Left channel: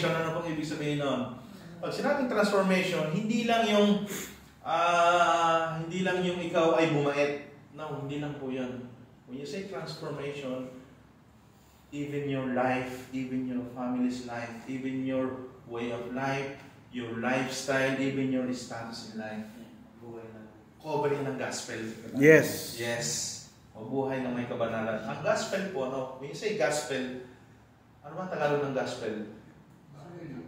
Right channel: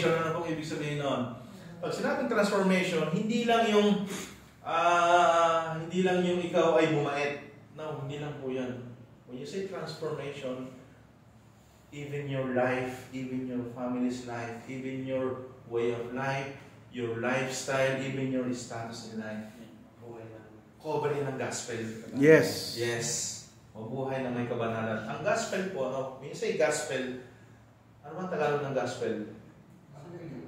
transformation, ano pong ibig sabihin nun? Pag sinabing transformation, hindi lang yung ikaw ay bumait. No, hindi lang po yan. When you say transformation, even your life, even your family's life, even your way of life, your lifestyle, even your status in life, cover yun ng gospel. Yes. Yes. Mabuhay ng may kabanalan. Ang gospel po, ano? When you say gospel, ano ba Tagalog ng gospel?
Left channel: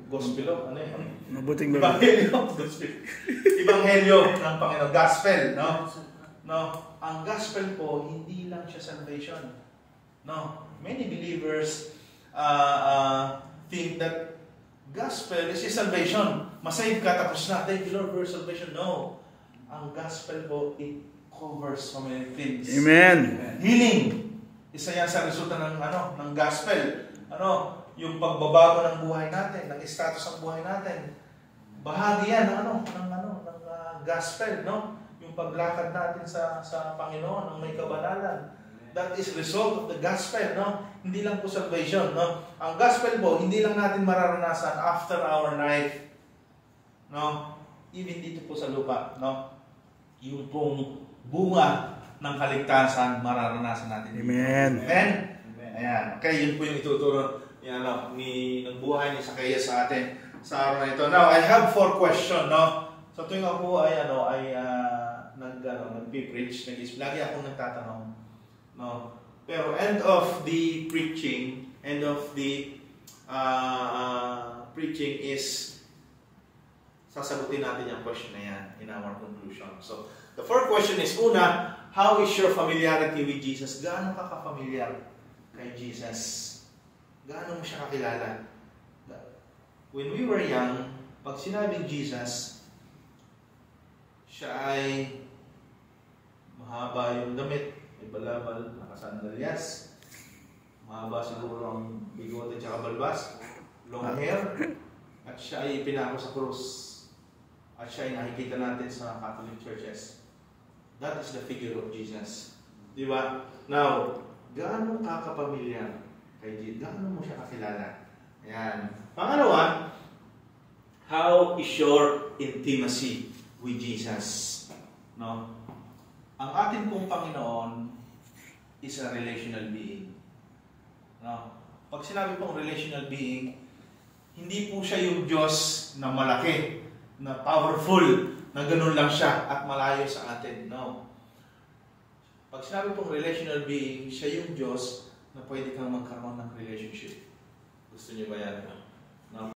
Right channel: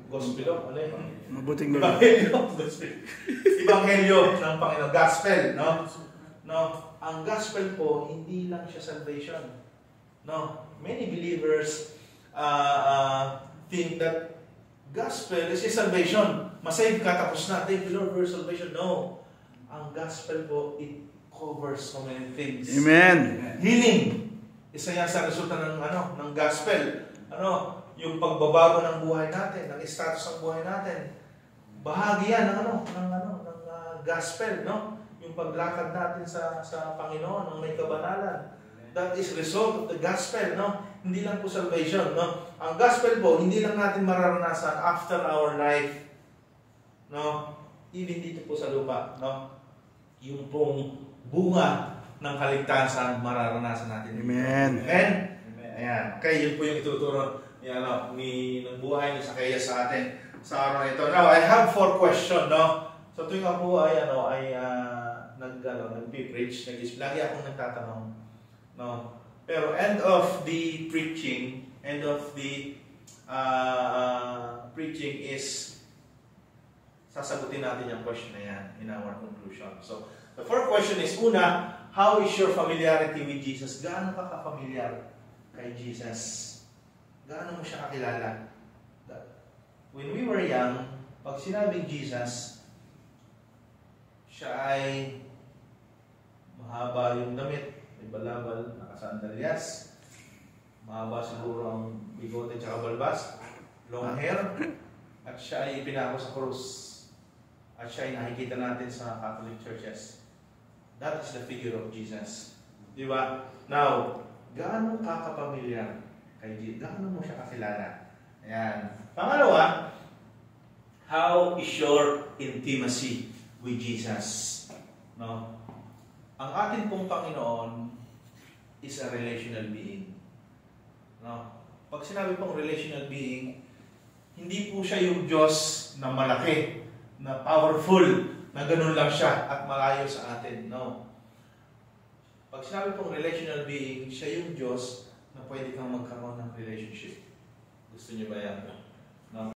Gospel, ano yun? Mabuting Ebanghelyo. Ebanghelyo ng Panginoon. Gospel, no? No. Ang gospel po, hindi lang siya salvation. No. Many believers think that gospel is just salvation. Masave ka, tapos na. Thank you Lord for salvation. No. Ang gospel po, it covers so many things. Amen. Healing. Isa yan sa resulta ng gospel. Yung pagbabago ng buhay natin, ng status ng buhay natin. Bahagi yan ng gospel, no? Yung paglakad natin sa Panginoon, ng may kabanalan. That is result of the gospel, no? Hindi lang po salvation, no? Ang gospel po, hindi lang natin mararanasan after our life, no? Even dito po sa lupa, no? Yung pong bunga ng kaligtasan, mararanasan natin. Amen. Amen? Ayan. Okay, yun po yung ituturo ng buhay ni Zacchaeus sa atin sa araw na ito. Now, I have 4 questions, no? So, tuwing ako ay nag-preach, lagi akong nagtatanong, no? Pero end of the preaching is sasagutin natin yung question na yan in our conclusion. So, the 4th question is, una, how is your familiarity with Jesus? Gaano ka ka-familiar kay Jesus? Gaano mo siya kakilala? When we were young, pag sinabing Jesus, siya ay mahaba yung damit, may balabal, nakasandalyas, mahaba siguro ang bigote at balbas, long hair, at siya ay pinako sa krus. At siya ay nakikita natin sa Catholic churches. That is the figure of Jesus. Di ba? Now, gaano ka kapamilyar kay Jesus? Gaano mo siya kakilala? Ayan. Pangalawa, how is your intimacy with Jesus? No? Ang ating pong Panginoon is a relational being. No? Pag sinabi pong relational being, hindi po siya yung Diyos na malaki, na powerful, na ganun lang siya at malayo sa atin. No. Pag sinabi pong relational being, siya yung Diyos na pwede kang magkaroon ng relationship. Gusto niyo ba yan?